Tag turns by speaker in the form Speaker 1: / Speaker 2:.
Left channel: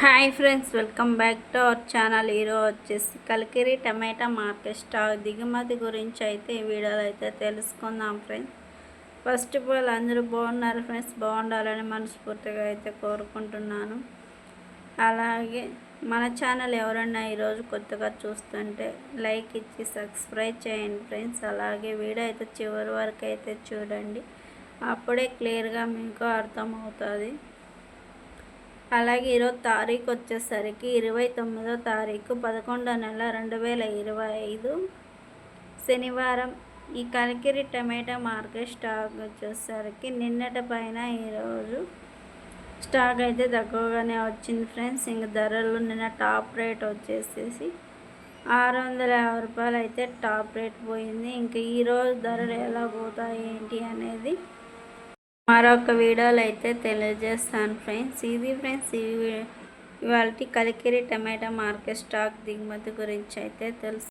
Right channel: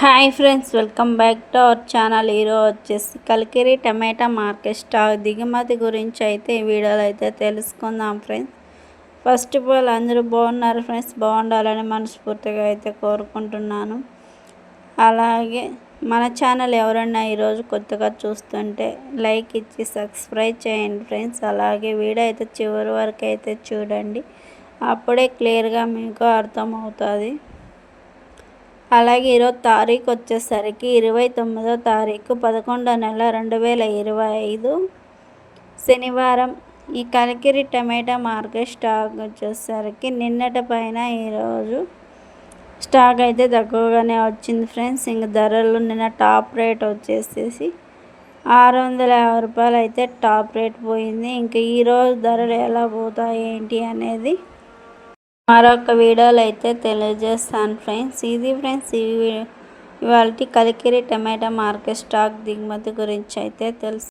Speaker 1: Hi friends welcome back to our channel. ఈరోజు వచ్చేసి కలికిరి టమాటా market stock దిగుమతి గురించి అయితే ఈ వీడియోలో అయితే తెలుసుకుందాం ఫ్రెండ్స్. ఫస్ట్ ఆఫ్ ఆల్ అందరూ బాగున్నారు ఫ్రెండ్స్. బాగుండాలని మనస్ఫూర్తిగా అయితే కోరుకుంటున్నాను. అలాగే మన ఛానల్ ఎవరైనా ఈరోజు కొత్తగా చూస్తుంటే లైక్ ఇచ్చి సబ్స్క్రైబ్ చేయండి ఫ్రెండ్స్. అలాగే వీడియో అయితే చివరి వరకు అయితే చూడండి. అప్పుడే క్లియర్గా మీకు అర్థమవుతుంది. అలాగే ఈరోజు తారీఖు వచ్చేసరికి ఇరవై తొమ్మిదో తారీఖు పదకొండో నెల రెండు వేల ఇరవై ఐదు. శనివారం ఈ కలికిరి టమాటా మార్కెట్ స్టాక్ వచ్చేసరికి నిన్నటి పైన ఈరోజు స్టాక్ అయితే తక్కువగానే వచ్చింది ఫ్రెండ్స్. ఇంక ధరలు నిన్న టాప్ రేట్ వచ్చేసేసి ఆరు వందల యాభై రూపాయలు అయితే టాప్ రేట్ పోయింది. ఇంకా ఈరోజు ధరలు ఎలా పోతాయి ఏంటి అనేది మరొక వీడియోలో అయితే తెలియజేస్తాను ఫ్రెండ్స్. ఇది ఫ్రెండ్స్ ఈ ఇవాళ కలికిరి టమాటా మార్కెట్ స్టాక్ దిగుమతి గురించి అయితే తెలుసు.